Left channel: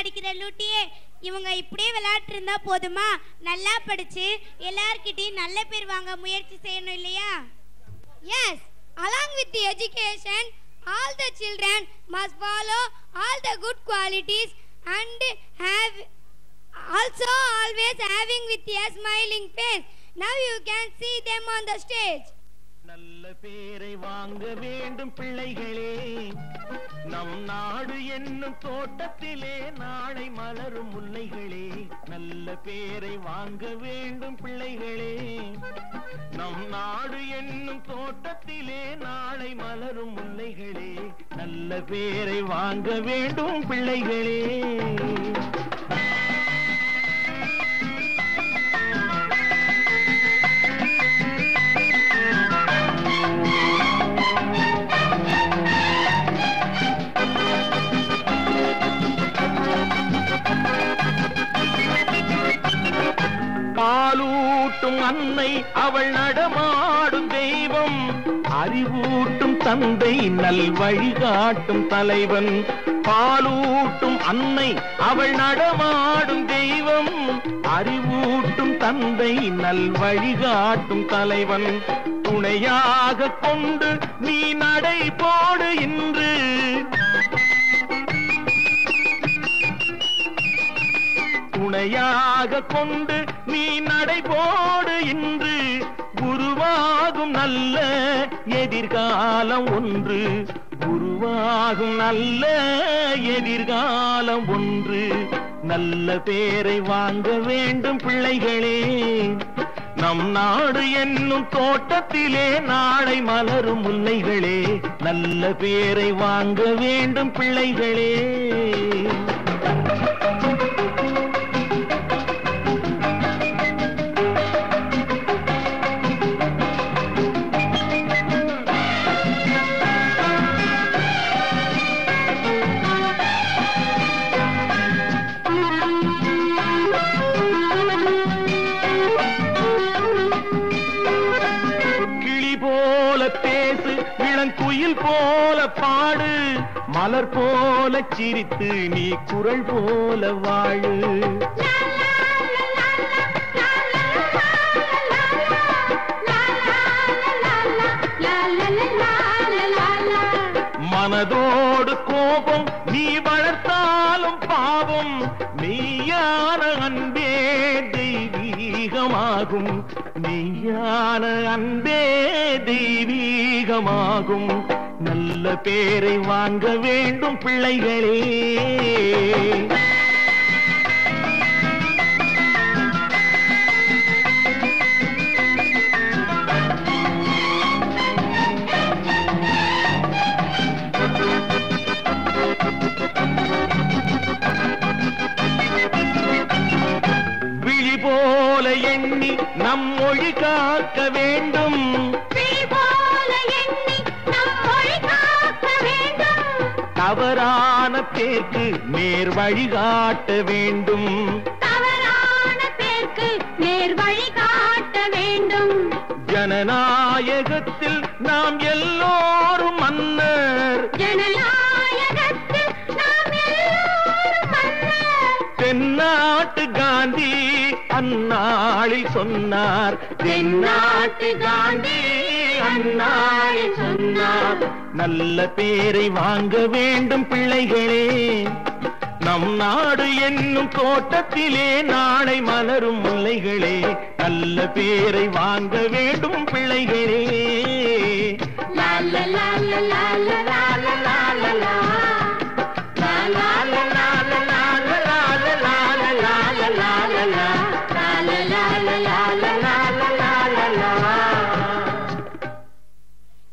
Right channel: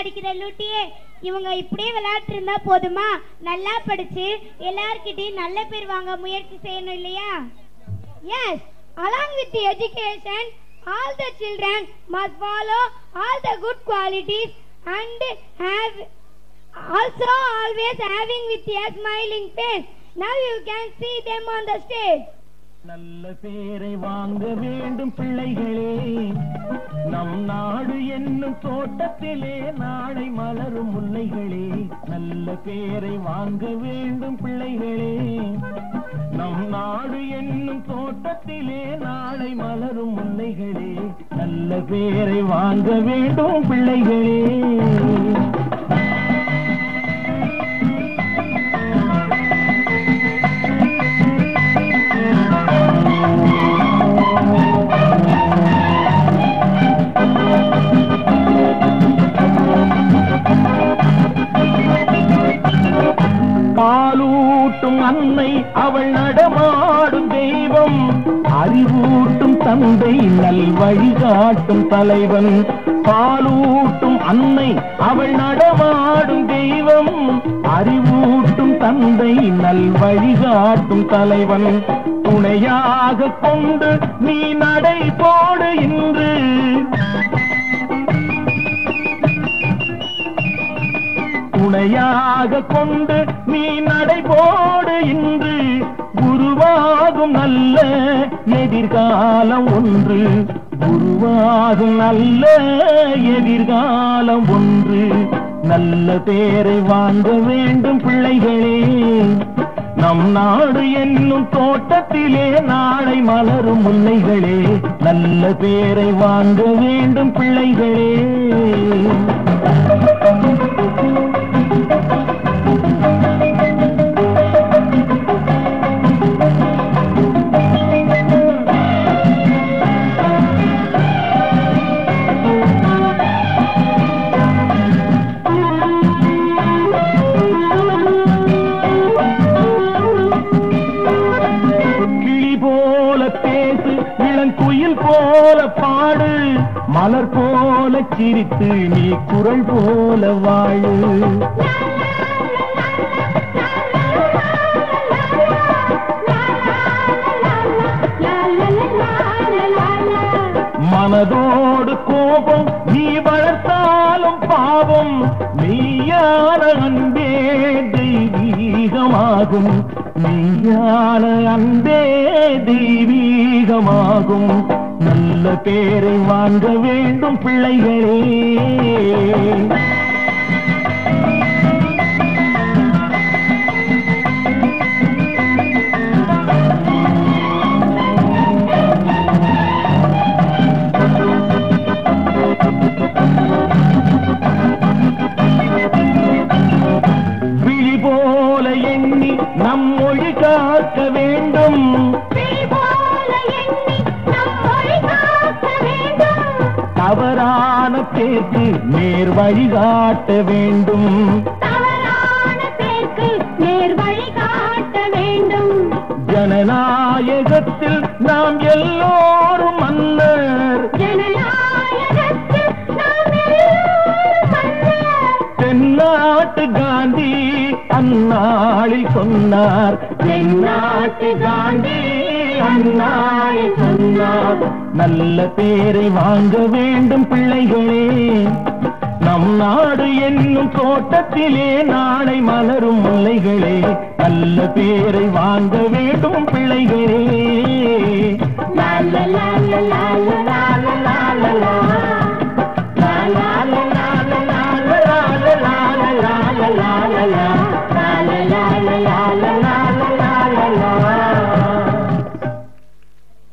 அடிக்கிற லூட்டியே, இவங்க இப்படியே விளையாட்டு இருந்தா போதுமா? நல்லா படிச்சு எல்லார்கிட்டயும் நல்ல பேர் வாங்க முயற்சி செய்யணும் இல்லையா? Yes, along with the education, all the children must follow all the good qualities and have also always having with a smiling face. Now you can see them on the stage. நல்ல பேரை வாங்க வேண்டும் பிள்ளைகளே, நம் நாடு என்னும் தோட்டத்திலே நாளை மலரும் முல்லைகளே. நல்ல பேரை வாங்க வேண்டும் பிள்ளைகளே, நம் நாடு என்னும் தோட்டத்திலே நாளை மலரும் முல்லைகளே. நல்ல பேரை வாங்க வேண்டும் பிள்ளைகளே. பாலூட்டும் அன்னை அவள் நடமாடும் தெய்வம், அறிவூட்டும் தந்தை நல் வழிகாட்டும் தலைவன். பாலூட்டும் அன்னை அவள் நடமாடும் தெய்வம், அறிவூட்டும் தந்தை நல் வழிகாட்டும் தலைவன். துணையாக கொண்டு நீ நடை போடு இன்று, துணையாக கொண்டு நீ நடைபோடு இன்று. உருவாகும் நல்ல எதிர்காலம் ஒன்று, உருவாகும் நல்ல எதிர்காலம் ஒன்று. நல்ல பேரை வாங்க வேண்டும் பிள்ளைகளே, நம் நாடு என்னும் தோட்டத்திலே நாளை மலரும் முல்லைகளே. நல்ல பேரை வாங்க வேண்டும் பிள்ளைகளே. போல பாடு, மலர் போல சிரித்து நீ குரல் போல வாழு. மனதோடு கோபம் நீ வளர்த்தாலும் பாவம், மெய்யான அன்பே தெய்வீகமாகும், மெய்யான அன்பே தெய்வீகமாகும். நல்ல பேரை வாங்க வேண்டும் பிள்ளைகளே. விழி போல எண்ணி நம் மொழி காக்க வேண்டும், தவறான பேருக்கு நேர் வழிகாட்ட வேண்டும், தவறான பேருக்கு நேர் வழிகாட்ட வேண்டும். ஜனநாயகத்தில் நாம் எல்லோரும் மன்னர், ஜனநாயகத்தில் நாம் எல்லோரும் மன்னர். தென்னாட்டு காந்தி அந்நாளில் சொன்னார், தென்னாட்டு காந்தி அந்நாளில் சொன்னார். நல்ல பேரை வாங்க வேண்டும் பிள்ளைகளே, நம் நாடு என்னும் தோட்டத்திலே நாளை மலரும் முல்லைகளே. நல்ல பேரை வாங்க வேண்டும் பிள்ளைகளே.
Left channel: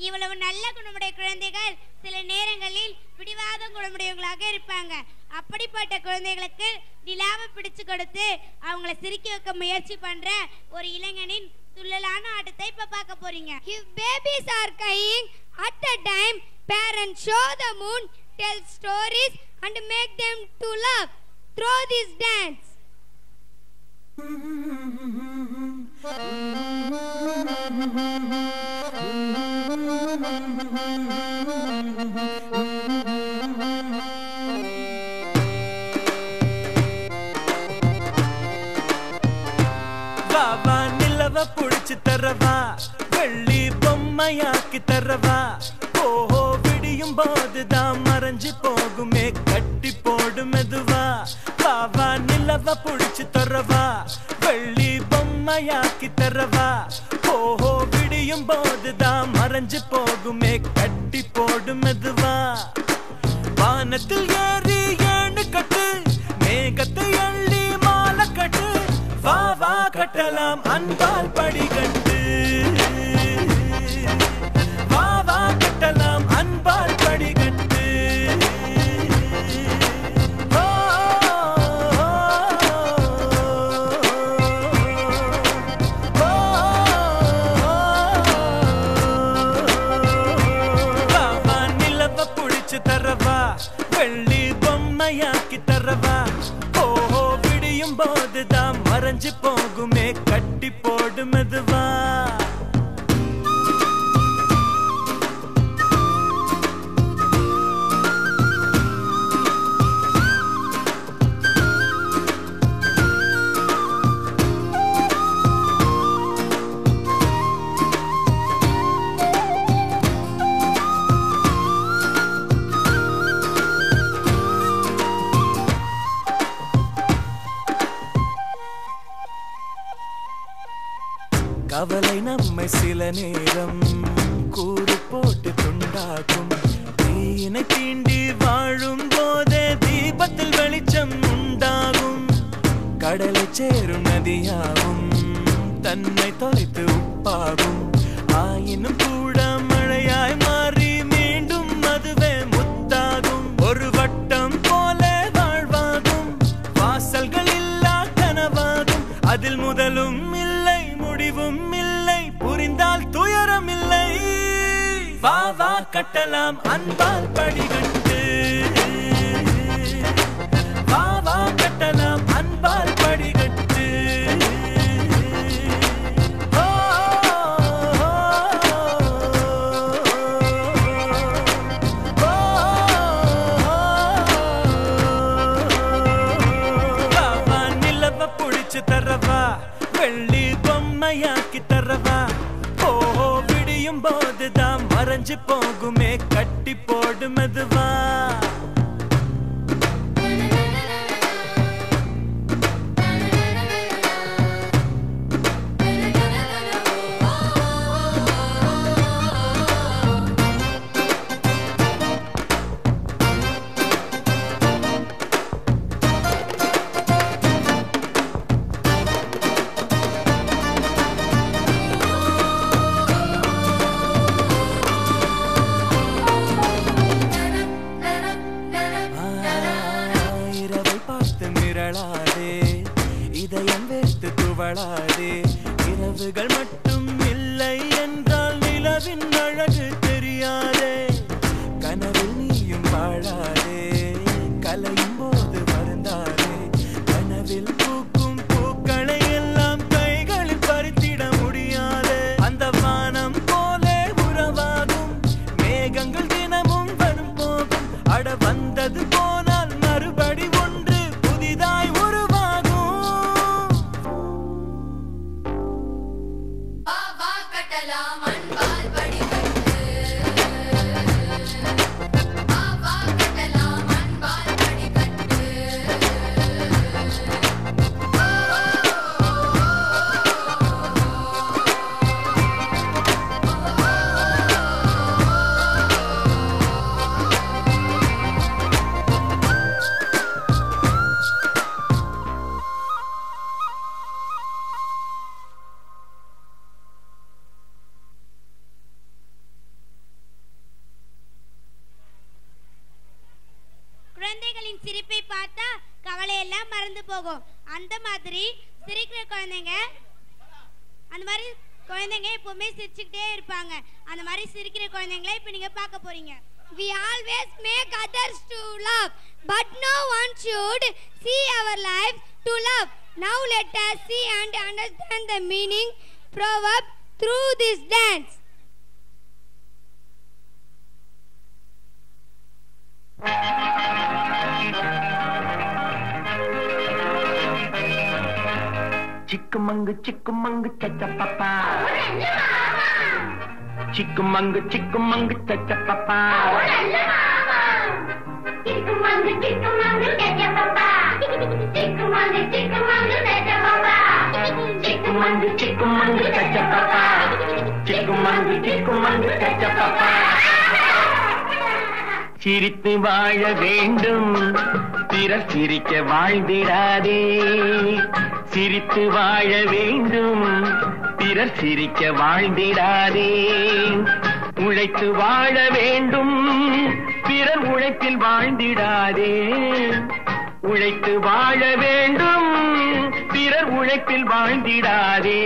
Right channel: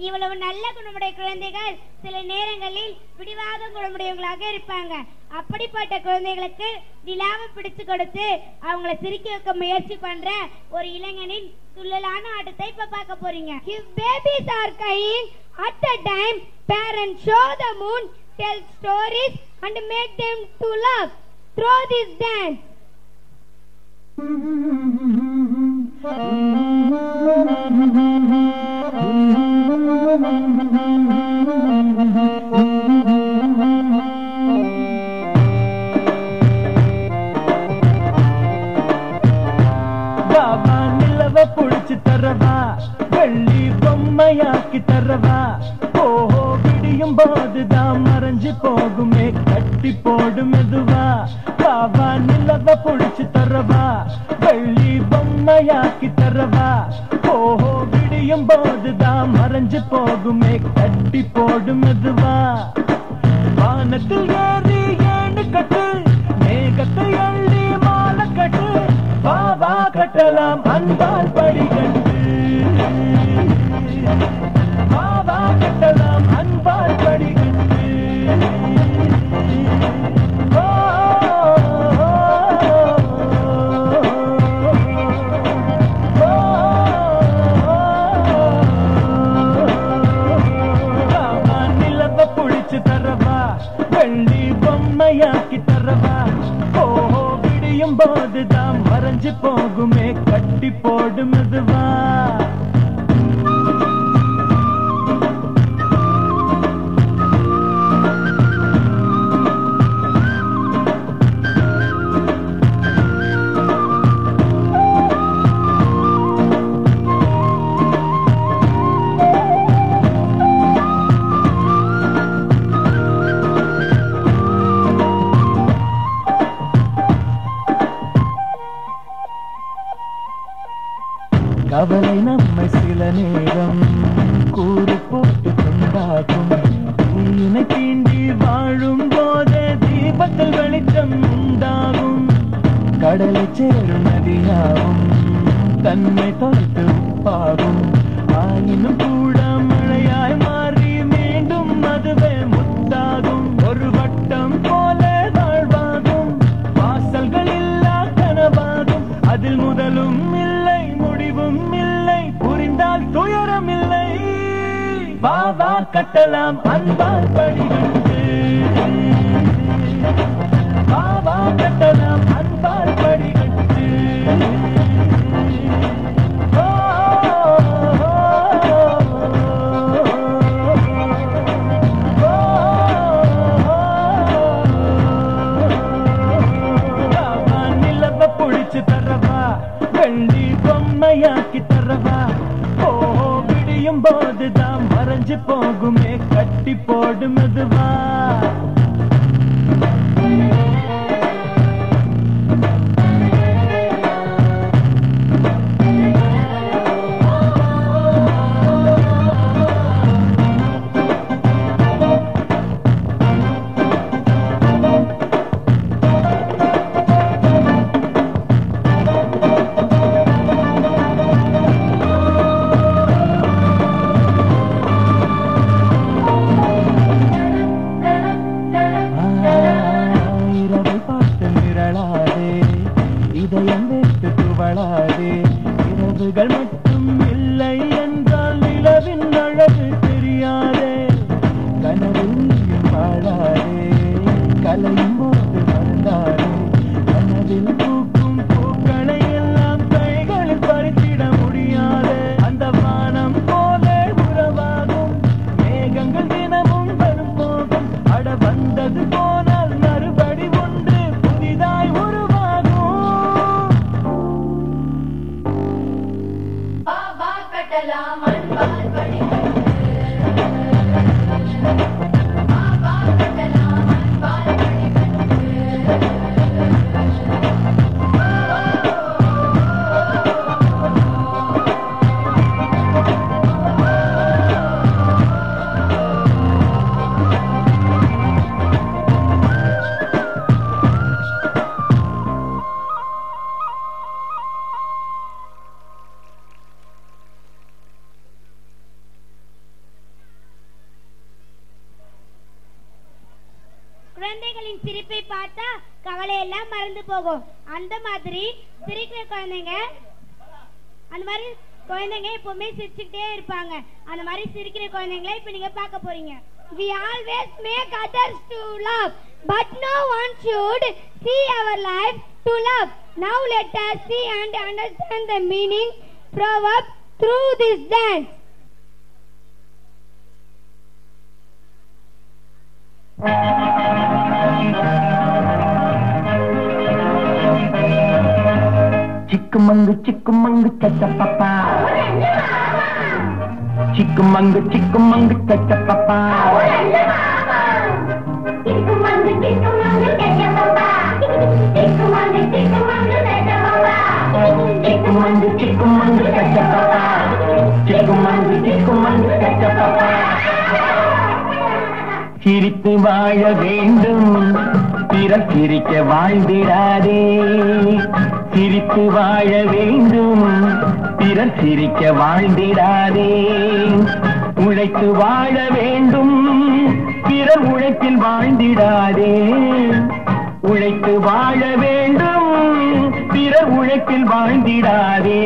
இவ்வளவு நல்ல குணமுடைய குழந்தைகள் சில நேரங்களில் பிடிவாத குணமுடையவங்களாக இருப்பாங்க. அப்படிப்பட்ட குழந்தைகளுக்கு நிலாவை பிடிச்சு கொடுத்து அவங்கள சிரிக்க வைக்க முயற்சி பண்ற ஒரு இளைஞனின் துள்ளலான ஆட்டத்தை இப்ப பார்க்க போறீங்க. If babies are crying at the time, parents show the moon, tell stories and make them to laugh through this dance. தரவா ஓஹோ விடியும் போதுதான் மறைஞ்சு போகுமே கட்டி போடு மெதுவா பாவா நிலவ புடிச்சு தரவா வெள்ளி பொம்மையாக்கி தரவா ஓஹோ விடியும் போதுதான் மறைஞ்சு போகுமே கட்டி போடு மெதுவா வானத்தில் ஏறி ஏணு கட்டு மேகத்தை அள்ளி மாலை கட்டு வா வா கட்டலாம் அன்பால் படிக்கட்டு வா வா கட்டலாம் அன்பால் படிக்கட்டு தரவா வெள்ளி பொம்மையாக்கி தரவா ஓஹோ விடியும் போதுதான் மறைஞ்சு போகுமே கட்டி போடு மெதுவா கவலை நம்மை சில நேரம் கூறு போட்டு துண்டாகும் தீயினை தீண்டி வாழும் போதே தீபத்தில் வெளிச்சம் உண்டாகும் கடலை சேரும் நதியாகும் தன்னை தொலைத்து உப்பாகும் ஆயினும் கூட மழையாய் மாறி மீண்டும் அதுவே முத்தாகும் ஒரு வட்டம் போல வாழ்வாகும் வாசல்கள் இல்லா கனவாகும் அதில் முதலும் இல்லை முடிவும் இல்லை புரிந்தால் துயரம் இல்லை வா வா கட்டலாம் அன்பால் படிக்கட்டு வா வா கட்டலாம் அன்பால் படிக்கட்டு நிலவ புடிச்சு தரவா வெள்ளி பொம்மையாக்கி தரவா ஓஹோ விடியும் போதுதான் மறைஞ்சு போகுமே கட்டி போடு மெதுவா இதயம் வைத்து துவளாதே இரவுகள் மட்டும் இல்லை என்றால் நிலவின் அழகு தெரியாதே கனவில் நீயும் வாழாதே கலையும் போது வருந்தாதே கனவில் பூக்கும் பூக்களை எல்லாம் கைகளில் பறித்திட முடியாதே அந்த வானம் போல உறவாகும் மேகங்கள் தினமும் வரும் போகும் அட வந்தது போனால் மறுபடி ஒன்று புதிதாய் குழந்தைகளின் சிரிப்பை பார்த்தா கவலை எல்லாம் மறந்து போகும். அந்த மாதிரி சிரிக்கிற குழந்தைங்க எப்பவுமே சிரிச்சுக்கிட்டே இருப்பாங்க. அந்த மாதிரி சிரிக்கிற குழந்தைங்களை இப்ப நீங்க பார்க்க போறீங்க. We always make others to love, but no one should see our life to love. Now let us see and understand the meaning proverb through this dance. चिकमंग चिकमंग चचा पापा சிக்குமங்கு சிக்குமங்கு சச்சப்பப்பா சிக்குமங்கு சிக்குமங்கு சச்சப்பப்பா சிக்குமங்கு சிக்குமங்கு சச்சப்பப்பா சிரித்து வாழ வேண்டும் பிறர் சிரிக்க வாழ்ந்திடாதே சிரித்து வாழ வேண்டும் பிறர் சிரிக்க வாழ்ந்திடாதே உழைத்து வாழ வேண்டும் பிறர் உழைப்பில் வாழ்ந்திடாதே உழைத்து வாழ வேண்டும் பிறர் உழைப்பில் வாழ்ந்திடாதே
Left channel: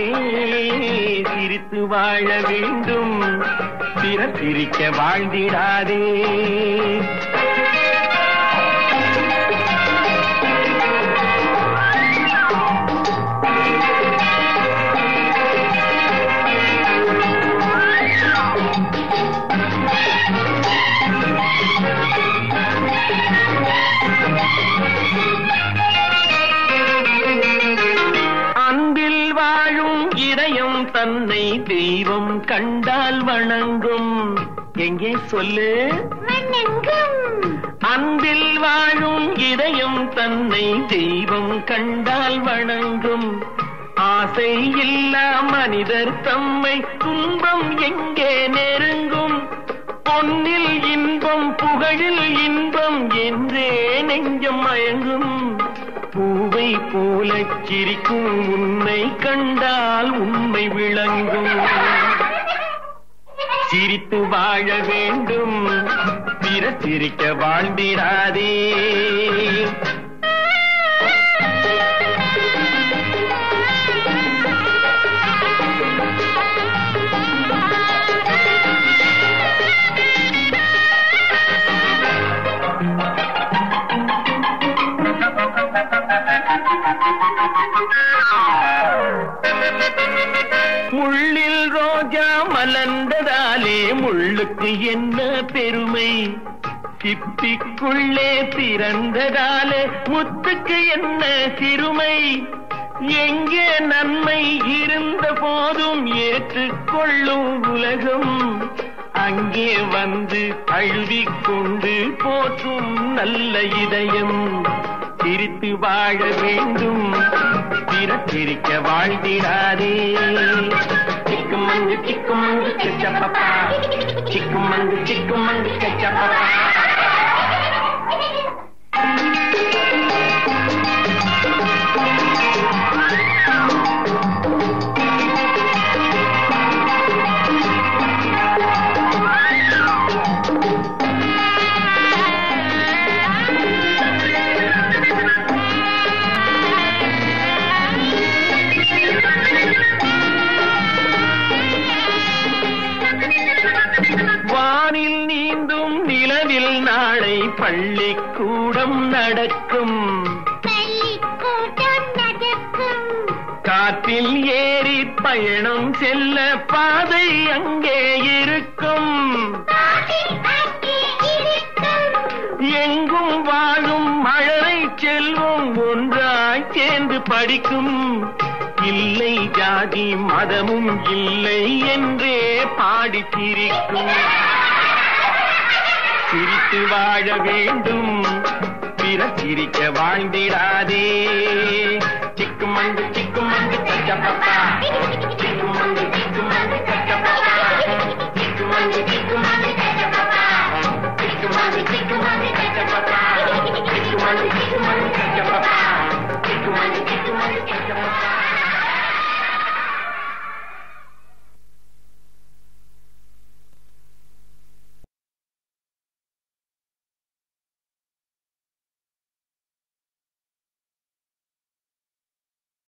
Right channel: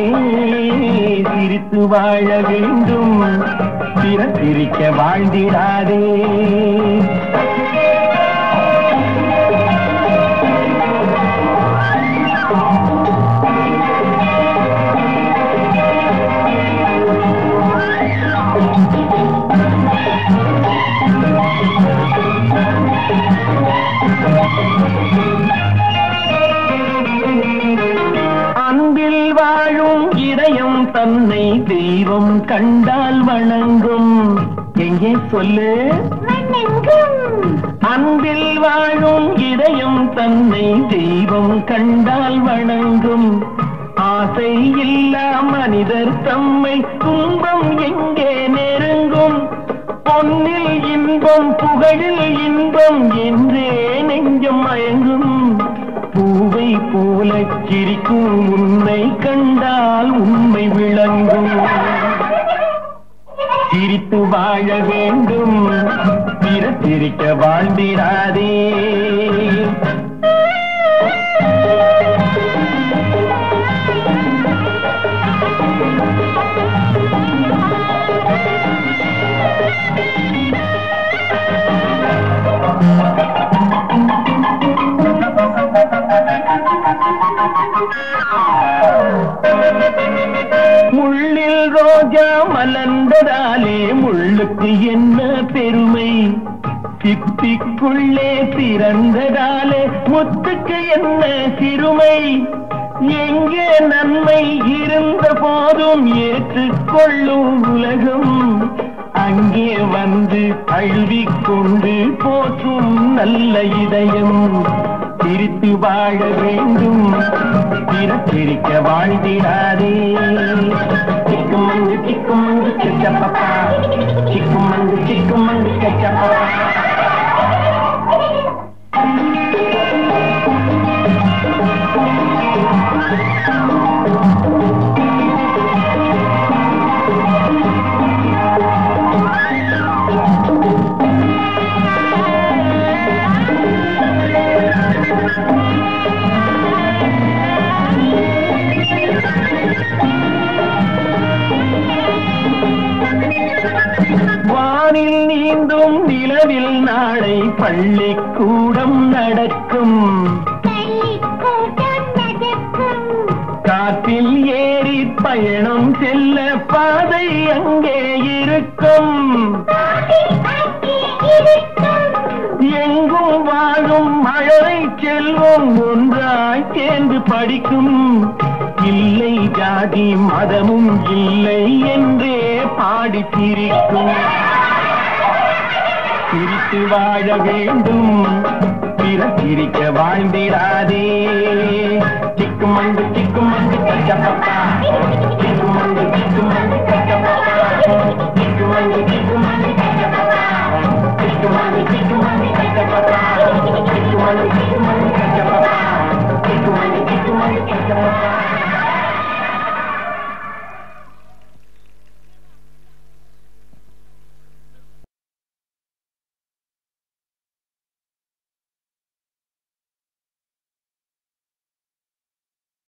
சிரித்து வாழ வேண்டும் பிறர் சிரிக்க வாழ்ந்திடாதே அன்பில் வாழும் இதயம் தன்னை தெய்வம் கண்டால் வணங்கும் எங்கே சொல்லு அன்பில் வாழும் இதயம் தன்னை தெய்வம் கண்டால் வணங்கும் ஆசை இல்லா மனிதர் தம்மை துன்பம் எங்கே நெருங்கும் பொன்னில் இன்பம் புகழில் இன்பம் என்றே நெஞ்சம் மயங்கும் பூவை போலச் சிரிக்கும் உன்னை கண்டால் உண்மை விளங்கும் சிரித்து வாழ வேண்டும் பிறர் சிரிக்க வாழ்ந்திடாதே முள்ளில் ரோஜா மலர்ந்ததாலே முள்ளுக்கு என்ன பெருமை சிப்பிக்குள்ளே பிறந்ததாலே முத்துக்கு என்ன சிறுமை எங்கே நன்மை இருந்த போதும் ஏற்றுக்கொள்ளும் உலகம் அங்கே வந்து அழுதிக் கொண்டு போற்றும் நல்ல இதயம் சிரித்து வாழ வேண்டும் பிறர் சிரிக்க வாழ்ந்திடாதே சிக்குமங்கு சிக்குமங்கு சச்சப்பப்பா சிக்குமங்கு சிக்குமங்கு சச்சப்பப்பா வானில் நீந்தும் நிலவில் நாளை பள்ளிக்கூடம் நடக்கும் காற்றில் ஏறி பயணம் செல்ல பாதை அங்கே இருக்கும் எங்கும் வாழும் மழலை செல்வம் ஒன்றாய் சேர்ந்து படிக்கும் இல்லை ஜாதி மதமும் இல்லை என்றே பாடி சிரிக்கும் சிரித்து வாழ வேண்டும் பிறர் சிரிக்க வாழ்ந்திடாதே சிக்குமங்கு சிக்குமங்கு சச்சப்பப்பா